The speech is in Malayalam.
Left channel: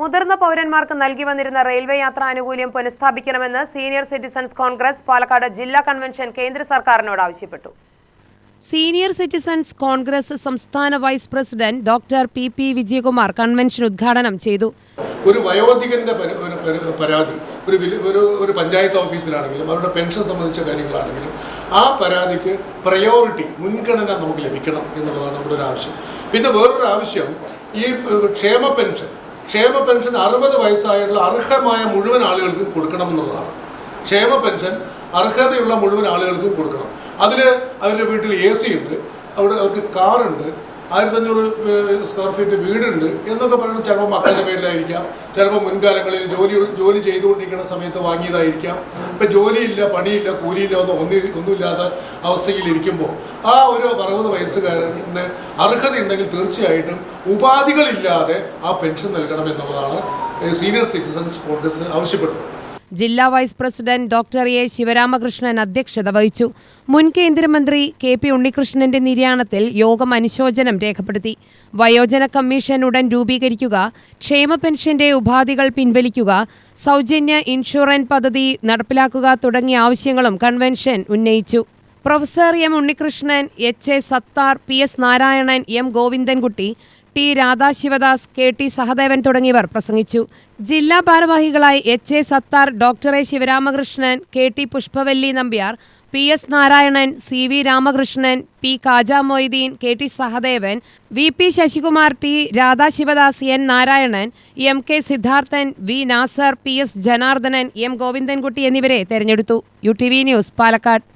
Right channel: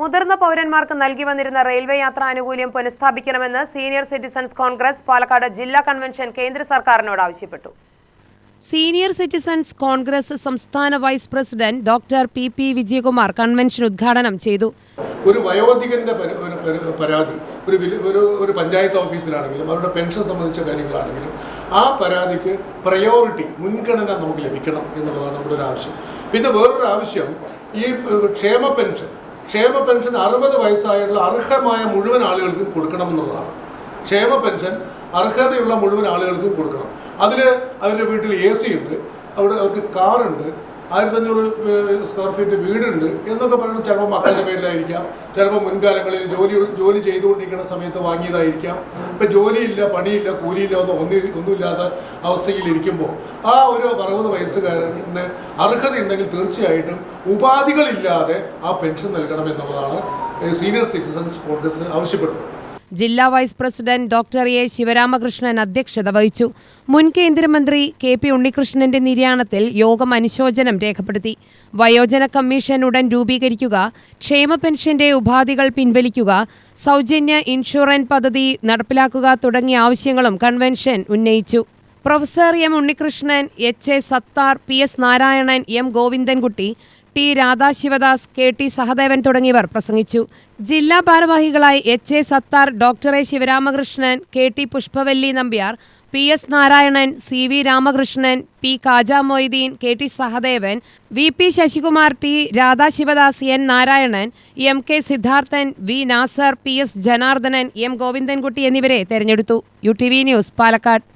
മുതിർന്ന പൗരന്മാർക്ക് നൽകി വന്നിരുന്ന റെയിൽവേ യാത്രാ ആനുകൂല്യം പുനഃസ്ഥാപിക്കണമെന്ന് സീനിയർ സിറ്റിസൺസ് കോൺഗ്രസ് പാലക്കാട് ജില്ലാ കൺവെൻഷൻ കേന്ദ്ര സർക്കാരിനോട് ആവശ്യപ്പെട്ടു. സീനിയർ സിറ്റിസൺസ് കോൺഗ്രസ് സംസ്ഥാന vice president doctor P Vijayakumar convention ഉദ്ഘാടനം ചെയ്തു. ഒരു വയോധികന്റെ പരാതി ഒരു പഞ്ചായത്ത് ഓഫീസിലാണെങ്കിലും അവരുടെ പെൻഷൻ സംബന്ധിച്ച കാര്യങ്ങളാണെങ്കിലും ആ പരാതിക്ക് പ്രയോറിറ്റി മുൻഗണന നമുക്ക് ലഭിക്കണം എന്നുള്ളതാണ് നമ്മുടെ ഒരു ആവശ്യം. പിന്നെ വേറൊരു ആവശ്യം, ഈ ക്ഷേമ പെൻഷൻ 60 വയസ്സായുള്ള അർഹമായ മുഴുവൻ ആളുകൾക്കും കൊടുക്കണമെന്നുള്ളതാണ്. ക്ഷേമ പെൻഷൻ അർഹതയുള്ള മുഴുവൻ ആളുകൾക്കും കൊടുക്കണം. അവരുടെ വീട്ടിൽ AC ഉണ്ട്, അവർക്ക് കാറുണ്ട്, 1500 സ്ക്വയർ ഫീറ്റ് വീടുണ്ട് എന്നൊക്കെ പറയുന്നത് ചിലപ്പോൾ മക്കളുടെ പേരിലായിരിക്കാം, ചിലപ്പോൾ മുൻകാലങ്ങളിൽ ജോലി ചെയ്തുകൊണ്ടിരിക്കുന്ന സമയത്ത് വാങ്ങിയതായിരിക്കാം. ഇപ്പം ജോലിയില്ല, പണിയില്ല, കൂലിയില്ല, ഒന്നുമില്ലാത്ത അവസ്ഥയിലിരിക്കുമ്പോൾ ആ ഒരു 60 വയസ്സുകാരന് അർഹതയുണ്ടെങ്കിൽ തീർച്ചയായിട്ടും ഉപാധികളില്ലാതെ ആ പെൻഷൻ നൽകണം എന്നുള്ളതാണ് സീനിയർ സിറ്റിസൺസ് കോൺഗ്രസ് ആവശ്യപ്പെടുന്നത്. ജില്ലാ vice president doctor A Sivaramakrishnan അധ്യക്ഷത വഹിച്ചു. മുൻ കേന്ദ്രമന്ത്രി KP ഉണ്ണികൃഷ്ണന്റെ നിര്യാണത്തിൽ യോഗം അനുശോചനം രേഖപ്പെടുത്തി. വയോജന കമ്മീഷൻ ഉടൻ രൂപീകരിക്കുക, ക്ഷേമ പെൻഷന്റെ ഉപാധികൾ പിൻവലിക്കുക, സൗജന്യ ഇൻഷുറൻസ് പദ്ധതി നടപ്പിലാക്കുക തുടങ്ങിയ ആവശ്യങ്ങളും കൺവെൻഷൻ ഉന്നയിച്ചു. Professor M Unnikrishnan, HA Sathar, PS Narayanan, M Govindankutty, T Radhasivadas, KT Sahadevan തുടങ്ങിയവർ പ്രസംഗിച്ചു. ജില്ലാ ഭാരവാഹികളായി HA Sathar, doctor A Sivaramakrishnan, KT Pushpavalli Nambiar, PS Narayanan, CV Ramakrishnan, P Kaja Moideen, KT Sahadevan, VP Sasikumar, T Radhasivadas, N Narayanan, MK Siddharthan, V Nasser, PS Janardhanan, M Govindankutty എന്നിവരെ തെരഞ്ഞെടുത്തു. UTV news, Palakkad.